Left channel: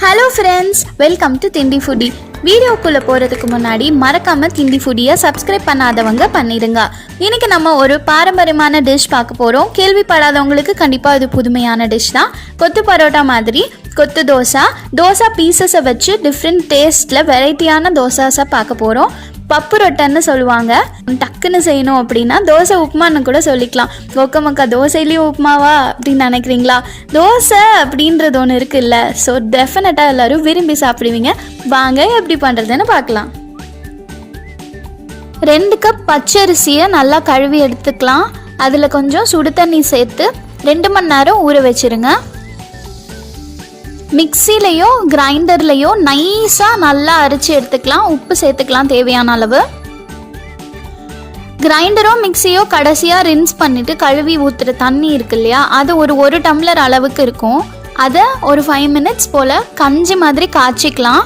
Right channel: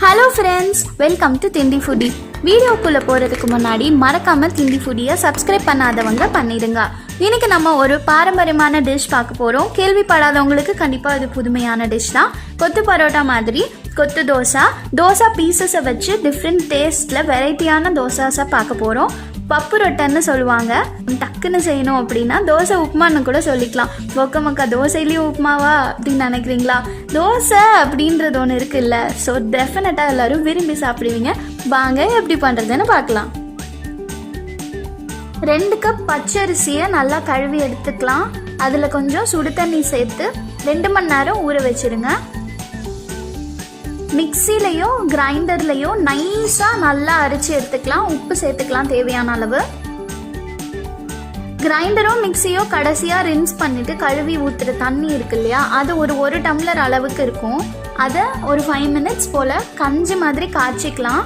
Hello friends, welcome to Thindi foodie. வீடியோக்குள்ளே போகிறதுக்கு முன்னாடி மறக்காமல் திண்டி ஃபுடியை சப்ஸ்கிரைப் பண்ணாதவங்க பண்ணிடுங்க. இன்றைக்கி நம்ம ஒரு பாரம்பரியமான டிஷ் பார்க்க போகிறோம். கேள்விப்படாதவங்களுக்கு கண்டிப்பாக இது புதுமையான டிஷ் தான். கொத்து பரோட்டா மாதிரி கொத்து தோசா பீசஸை வச்சு டிஃப்ரெண்ட் டேஸ்ட்டில் வெரைட்டியான தோசாஸை பார்க்க போகிறோம். பப்பு ரொட்டன்னு சொல்லுவாங்க. டக்குன்னு செய்யணும் அப்படின்னா தோசை உப்புமான்னு கூட சொல்லிக்கலாம். மக்கா தோசையிலேயும் உப்புமாவா அப்படின்னு நினைக்கிறீங்களா? தோசை அப்படின்றது ஒன்று இருக்குல்ல, ஸோ டெஃபினட்டாக எல்லோரும் விரும்பி சாப்பிடுவீங்க. வாங்க எப்படி பண்ணுறதுன்னு பார்க்கலாம். 2 கப் பச்சரிசியை நல்லா கழுவி எடுத்துக்கலாம். அதில் கொஞ்சம் சுடு தண்ணி சேர்த்து 2 மணி நேரம் ஊற வச்சுருங்க. மிக்சிலையோ கிரைண்டர்லையோ நைஸாக நல்லா அரைச்சி எடுத்துக்கலாம். உப்பு சேர்த்துக்கலாம் தேவையான அளவு. கிரைண்டரோ மிக்சியோ கடைசியாக ரின்ஸ் பண்ணிவிட்டு கழுவி ஊற்றுற தண்ணி இருக்கு இல்லையா, அது ஒரு டம்ளர் அளவுக்கு இருக்கும். அதை ஒரு 5 மினிட்ஸ் போல் கஞ்சி மாதிரி காய்ச்சிக்கலாம்.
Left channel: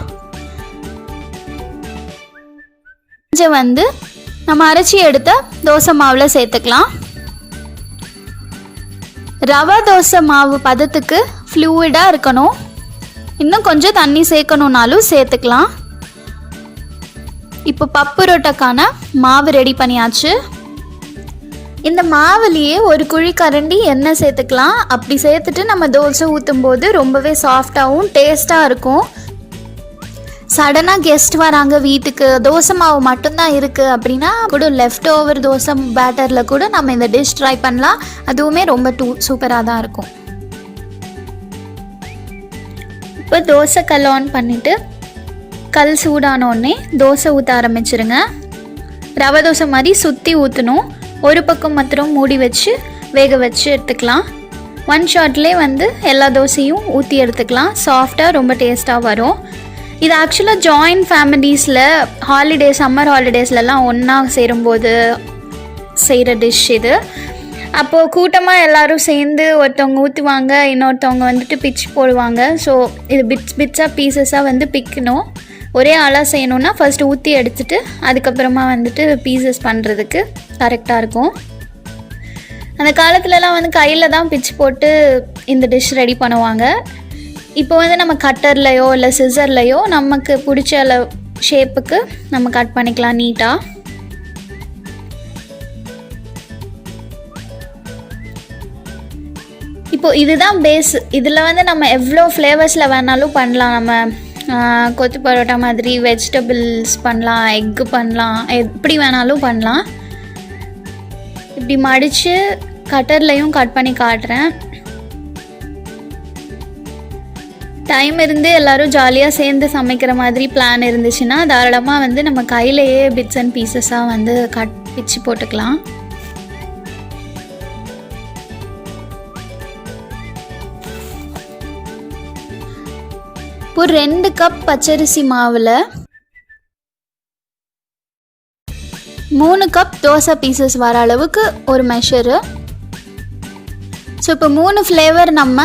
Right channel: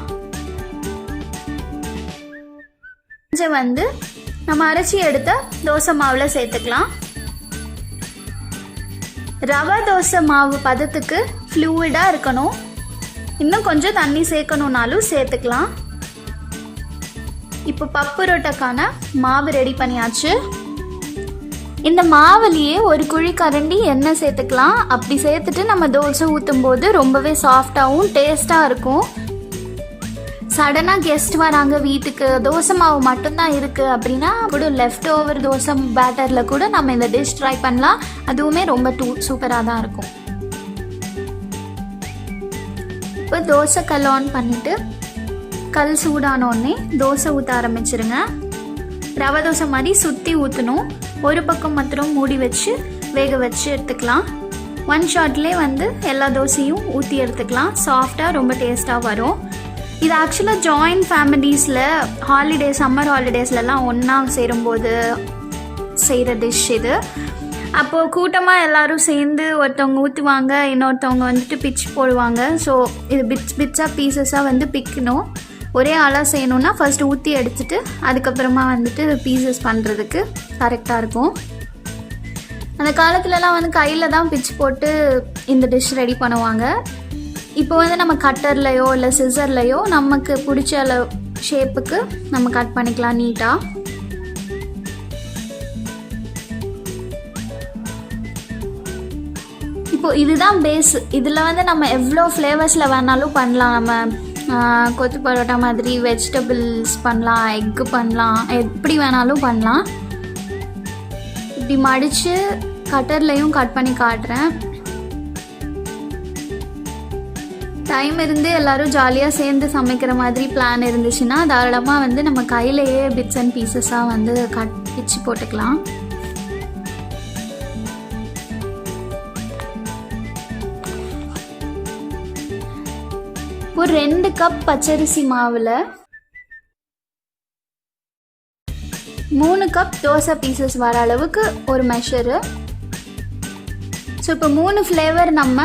கஞ்சி நம்ம அரைச்சி எடுத்த தோசை மாவில் சேர்த்துக்கலாம். ரவை தோசை மாவு பதத்துக்கு ஃப்ளூயிடாக இருக்கணும். இன்னும் கொஞ்சம் தண்ணி சேர்க்கணுன்னாலும் சேர்த்துக்கலாம். இப்போ பப்பு ரொட்டக்கான மாவு ரெடி பண்ணியாச்சு. இந்த மாவுலேயே ஒரு குழி கரண்டி எண்ணெய் சேர்த்துக்கலாம். அப்படி சேர்த்துட்டு நம்ம தோசை ஊற்றும் போது ரொம்பவே சாஃப்டாகவும் டேஸ்ட்டாக இருக்கும். சடனாக கெஸ்ட் வராங்க வீட்டுக்கு, தோசை மாவு மட்டும்தான் இருக்குது அப்படின்னா கூட லெஃப்ட் ஓவர் தோசை பேட்டரில் கூட நம்ம இந்த டிஷ் ட்ரை பண்ணலாம். அதுவுமே ரொம்ப சூப்பராக தான் இருக்கும். இப்போ தோசை கல் ஆன் பண்ணிவிட்டு கல் சூடானோடனே தோசை ஊற்ற ஆரம்பிச்சிருங்க. ரவை தோசை மாதிரி சுற்றி ஊற்றணும். ஒரு பக்கம் மாத்திரம் மூடி வச்சு வேக வச்சு எடுத்துக்கலாம். 1 ஷாட்லேயே எல்லா தோசையும் ஊற்றி எடுத்துக்கலாம். சாஃப்டாக ரொம்ப டேஸ்ட்டாக வரும். இது ஆக்சுவலாக ஜாயின்ட் ஃபேமிலிஸில் சம்மர் ஹாலிடேஸ்லலாம் ஒன்றா சேரும்போது செய்கிற டிஷ் இது. அப்போது கூட்டமாக எல்லோரும் சேர்ந்து ஒருத்தவங்க ஊற்றுவாங்க, இன்னொருத்தவங்க பிச்சு போடுவாங்க. ஸோ இது பிட்ஸாக பீசஸாக பிக்கணும். ஒரே ஆளாக செய்யணுன்னா ஃபஸ்ட்டு ஊற்றி எடுத்துட்டு அதுக்கப்புறமா பீசஸ் பண்ணுறதுக்கு கரெக்டாக இருக்கும். அந்த காலத்துலலாம் கையில் தான் பிச்சு போட்டு இந்த டிஷ் ரெடி பண்ணுவாங்க. இப்போ நம்ம கட்டர்லையோ இல்லை சிசர்லையோ நமக்கு பிடிச்ச அளவு ஷேப்புக்கு நம்ம கட் பண்ணிக்கலாம் நீட்டாக. இப்போது இதுதான் பேஸ். இதில் நம்ம எவ்வளோ ஃப்ளேவர்ஸில் வேணாலும் பண்ணலாம். நம்ம கொத்து பரோட்டா மாதிரி வெஜிடபிள்ஸ் பண்ணலாம், எக்கு பண்ணலாம், எப்படி வேணாலும் பண்ணலாம். இப்படி மடித்து கட்டர்லையும் கட் பண்ணி காட்டுறேன். டைம் இருந்து எல்லோரும் ஜாலியாக சேர்ந்து சமைக்கிற மாதிரி பிளான் இருந்துச்சுன்னா தாராளமாக நம்ம கையிலையே பிட்ஸ் அண்ட் பீசஸாக பிச்சு போட்டுக்கலாம். ஒரு 2 கப் பச்சரிசி மாவில் 3 கப் தோசை பீசஸ் வர அளவுக்கு ஒரு மெஷரு. ஸோ இப்போ 3 ஃப்ளேவர் நம்ம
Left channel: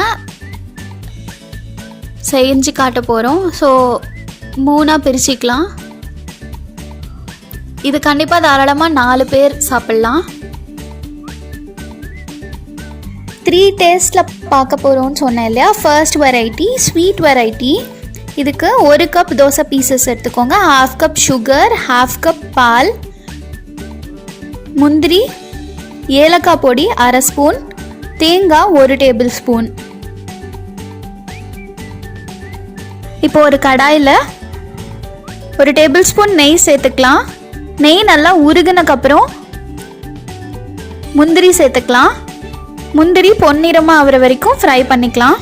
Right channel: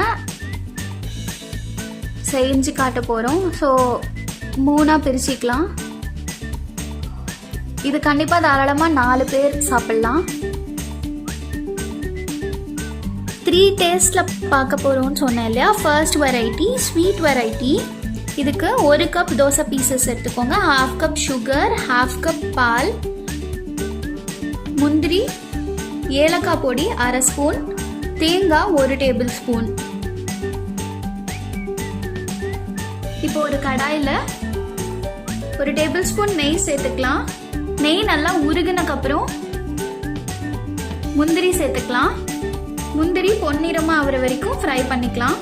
செஞ்சு காட்ட போகிறோம். ஸோ 3ஆக பிரிச்சுக்கலாம். இது கண்டிப்பாக தாராளமாக 4 பேர் சாப்பிட்லாம். 3 டேஸ்ட்டில் பார்க்க போகிறோன்னு சொன்னேன் இல்லையா. First variety sweet variety. இதுக்கு 1 கப் தோசை பீசஸ் எடுத்துக்கோங்க. 1/2 கப் சுகர், 1/2 கப் பால், முந்திரி, ஏலக்காய் பொடி 1/2 ஸ்பூன், தேங்காய் 1 டேபிள் ஸ்பூன். இப்போ ஒரு கடாயில் 1 டேபிள் ஸ்பூன் நெய் சேர்த்துக்கலாம். நெய் நல்லா உருகுனக்கப்புறம் முந்திரி சேர்த்துக்கலாம். முந்திரி பொன்னிறமாக ஆகிற வரைக்கும் ஃப்ரை பண்ணிக்கலாம்.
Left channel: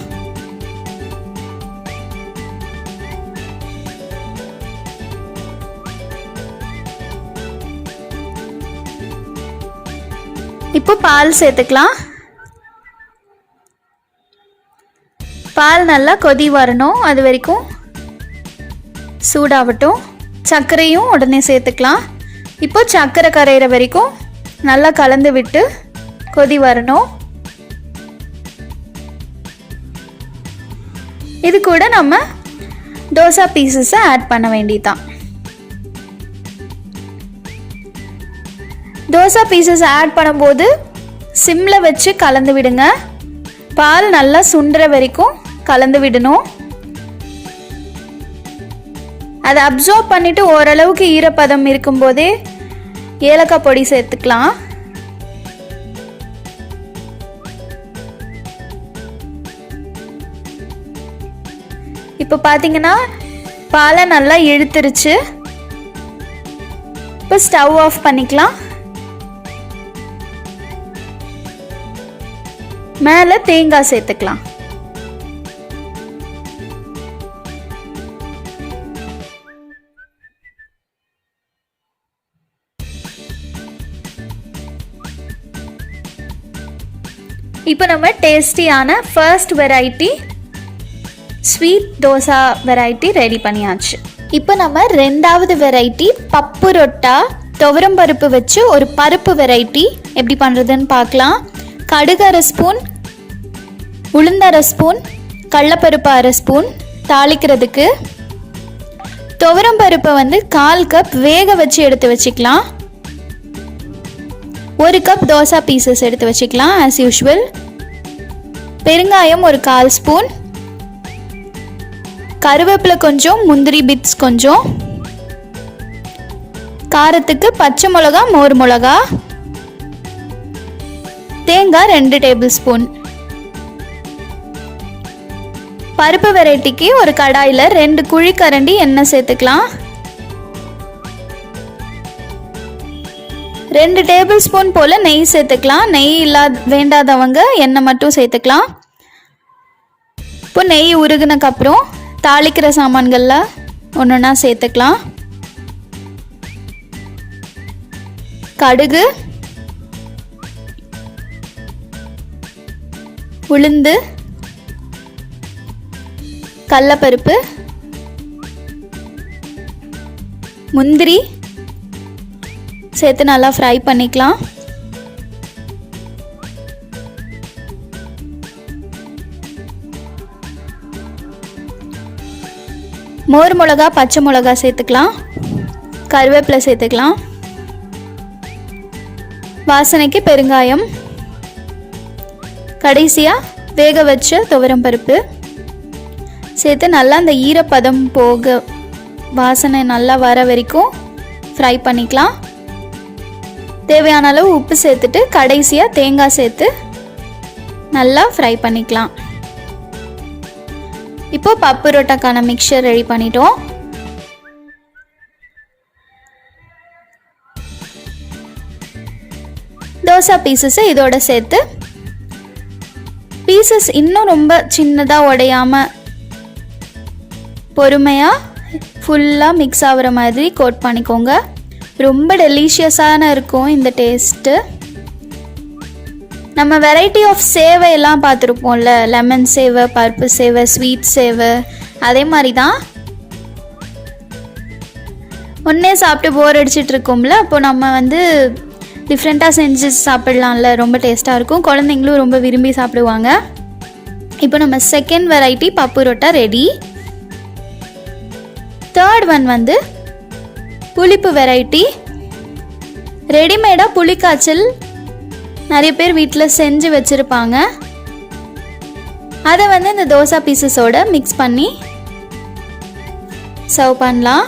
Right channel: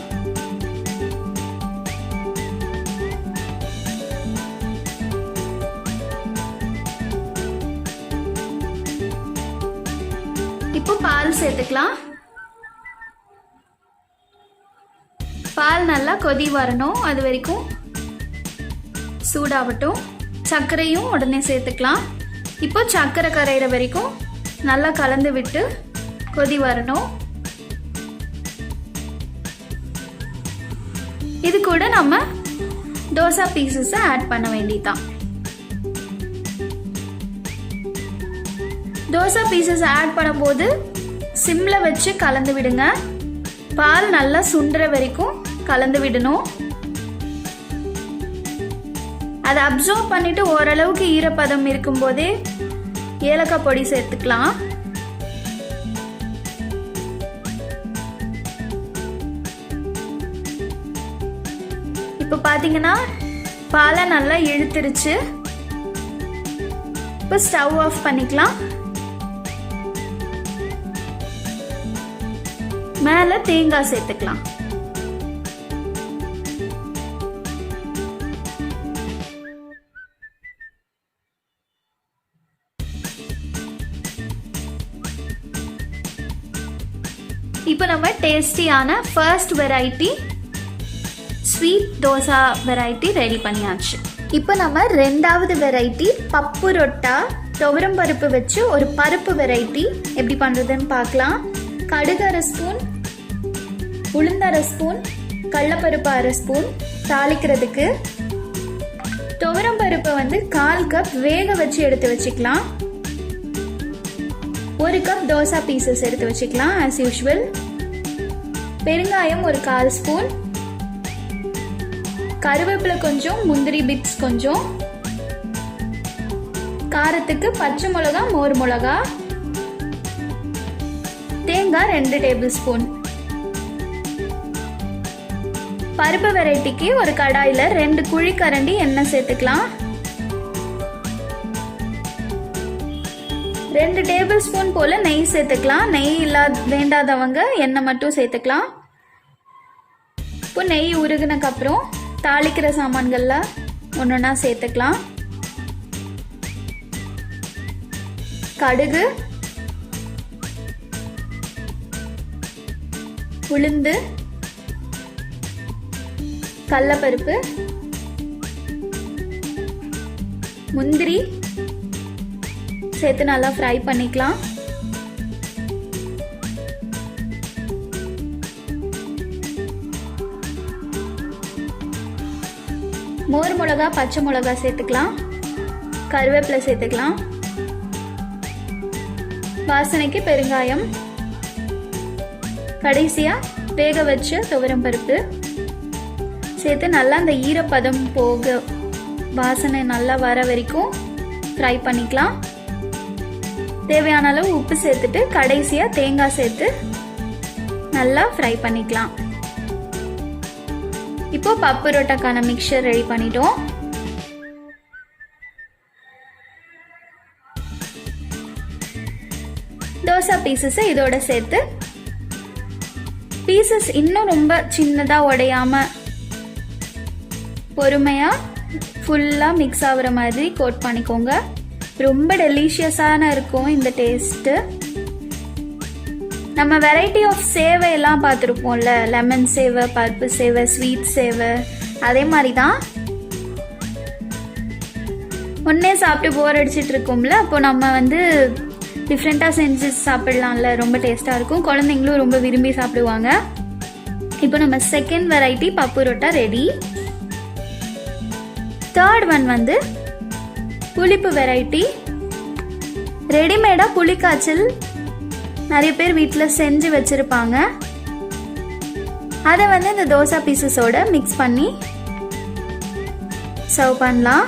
இப்போ பால் சேர்த்துக்கலாம். பால் நல்லா கொதி வரணும், அது வரைக்கும் சூடாகட்டும். சர்க்கரையும் உடனே சேர்த்துக்கலாம். இப்போ சர்க்கரை கரையிற வரைக்கும் நல்லா கலந்து விட்டு கொதி வரணும். இது கூட நம்ம தோசை பீசஸை ஆட் பண்ண வேண்டியதுதான். தோசை பீசஸ் ஆட் பண்ணும்போது சிம்மில் வச்சு கலந்து விடுங்க. பால் நல்லா சுண்டுற வரைக்கும் கலந்து விடணும். அதை அப்சர்வ் பண்ணிவிட்டு ஓரளவுக்கு ஈரப்பதம் இருக்கும்போதே ஏலக்காய் பொடி சேர்த்துக்கலாம். இப்போ பார்த்தீங்கன்னா பாலை நல்லா இழுத்துருச்சு. இப்போ ஸ்டவ் ஆஃப் பண்ணிக்கலாம். மேலே தேங்காய் சேர்த்துக்கலாம். இப்போ நம்ம டேஸ்டியான first variety sweet dosa variety ready பண்ணியாச்சு. இப்போ நம்ம ரெண்டாவது வெரைட்டி பப்பு ரொட்டா துவரம் பருப்பு வச்சு ஒரு பருப்பு வெரைட்டி எப்படி பண்ணுறதுன்னு பார்க்கலாம். கடுகு 1/2 ஸ்பூன், உளுந்து 1/2 ஸ்பூன், கடலைப்பருப்பு 1/2 ஸ்பூன். தாளிக்கிறதுக்கு துவரம் பருப்பை 1/4 கப் வேக வச்சு எடுத்து வச்சுக்கலாம். 1 கப் தோசா பீசஸ் எடுத்து வச்சுக்கலாம் ஆஸ் யூஷுவல். பெருங்காயம் ஒரு 1/4 ஸ்பூன், கருவேப்பிலை கொஞ்சம், முந்திரி பிட்ஸ் கொஞ்சம், காரத்துக்கு பச்சை மிளகா, மோர் மிளகா, தேங்காய் 2 டேபிள் ஸ்பூன். பருப்பு வெரைட்டிக்கு ஒரு கடாயில் 2 குழிக்கரண்டி எண்ணெய் சேர்த்துக்கலாம். 2 டேபிள் ஸ்பூன் போல் நெய் சேர்த்துக்கலாம். நெய் வேண்டாதவங்க எண்ணெய் மட்டும் சேர்த்துக்கலாம். இப்போ நெய் உருகுனக்கப்புறம் தாளிக்கிற சாமான்களில் ஒன்றுனா சேர்த்துக்கலாம். கடுகு, உளுந்து, கடலைப்பருப்பு, முந்திரி சேர்த்து நல்லா ஃப்ரை பண்ணிக்கலாம். மோர் மிளகா, பச்சை மிளகா சேர்த்துக்கலாம். கருவேப்பிலை சேர்த்துக்கலாம். வாசனைக்கு பெருங்காயம். கடைசியாக வேக வச்ச துவரம் பருப்பு சேர்த்து நல்லா அந்த ஈரப்பதம் போக வாசனை நல்லா வர வரைக்கும் ஃப்ரை பண்ணிக்கலாம். தேவையான அளவு உப்பு சேர்த்துட்டு கடைசியாக தேங்காய் சேர்த்து நல்லா ஃப்ரை பண்ணிக்கலாம். இப்போ பப்பு ரொட்டாக்கான மிக்சர் ரெடி பண்ணிட்டோம். தோசா பீசஸை இதோட சேர்த்து பீசஸ் இன்னும் ரொம்ப சின்னதாக உடையாமல் பொறுமையாக ஃபுல்லாக மிக்ஸ் ஆகிற மாதிரி கோட் பண்ணிக்கோங்க. ரொம்ப டெலிஷியஸான இருக்கும் இந்த டேஸ்ட்டு. நம்ம வெரைட்டி ஆஃப் சேவையெல்லாம் பார்த்துருப்போம்ல, லெமன் சேவை, பருப்பு சேவை, ஸ்வீட் சேவை, அதே மாதிரி தான். ஒன்றே சாப்பிட்டு போர் அடிச்சிட்டு இருக்கோம்ல, அப்போ நம்ம டிஃப்ரெண்ட்டாக செஞ்சு சாப்பிட்லாம்ல, ரொம்ப டேஸ்ட்டாக இருக்கும். குழந்தைங்களும் ரொம்ப விரும்பி சாப்பிடுவாங்க. இப்போ நம்ம செகண்ட் வெரைட்டி பப்பு ரொட்டா ரெடி. தேர்ட் ஒன் புளிப்பு வெரைட்டி. ரெடிமேடாக புளிக்காய்ச்சல் நிறைய பேர் வீட்டில் செஞ்சு வச்சுருப்பாங்க. அதை இந்த தோசா பீசஸோட மிக்ஸ் பண்ணி சர்வ் பண்ணலாம்.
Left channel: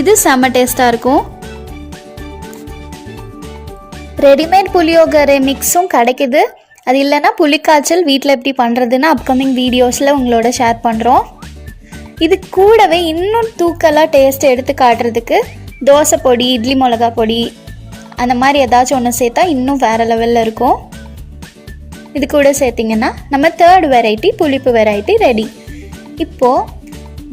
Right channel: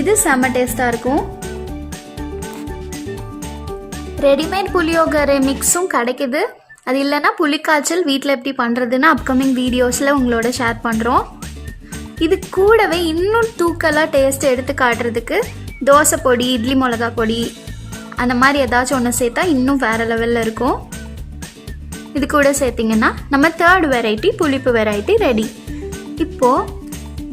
இது செம்ம டேஸ்ட்டாக இருக்கும். ரெடிமேட் புளியோகரை மிக்ஸும் கிடைக்குது. அது இல்லைன்னா புளிக்காய்ச்சல் வீட்டில் எப்படி பண்ணுறதுன்னு அப்கமிங் வீடியோஸில் உங்களோட ஷேர் பண்ணுறோம். இது கூடவே இன்னும் தூக்கலாக டேஸ்ட் எடுத்து காட்டுறதுக்கு தோசை பொடி, இட்லி மிளகா பொடி, அந்த மாதிரி ஏதாச்சும் ஒன்று சேர்த்தா இன்னும் வேறு லெவலில் இருக்கும். இது கூட சேர்த்திங்கன்னா நம்ம தேர்ட் வெரைட்டி புளிப்பு வெரைட்டி ரெடி. இப்போது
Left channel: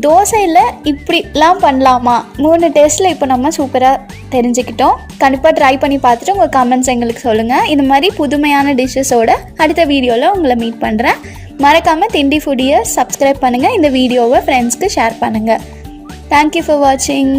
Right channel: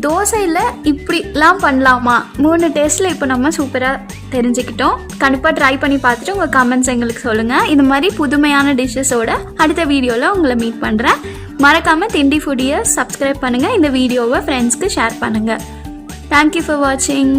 தோசையில் இப்படிலாம் பண்ணலாமா, 3 டேஸ்ட்டில் இப்போ நம்ம சூப்பராக தெரிஞ்சுக்கிட்டோம். கண்டிப்பாக ட்ரை பண்ணி பார்த்துட்டு உங்கள் கமெண்ட்ஸ் எங்களுக்கு சொல்லுங்கள். இது மாதிரி புதுமையான டிஷ்ஷஸோட அடுத்த வீடியோவில் உங்களை மீட் பண்ணுறேன். மறக்காமல் திண்டி ஃபுடியை சப்ஸ்கிரைப் பண்ணுங்கள். இந்த வீடியோவை ஃப்ரெண்ட்ஸ்க்கு ஷேர் பண்ணுங்கள். தேங்க்யூ ஃபார் வாட்சிங்.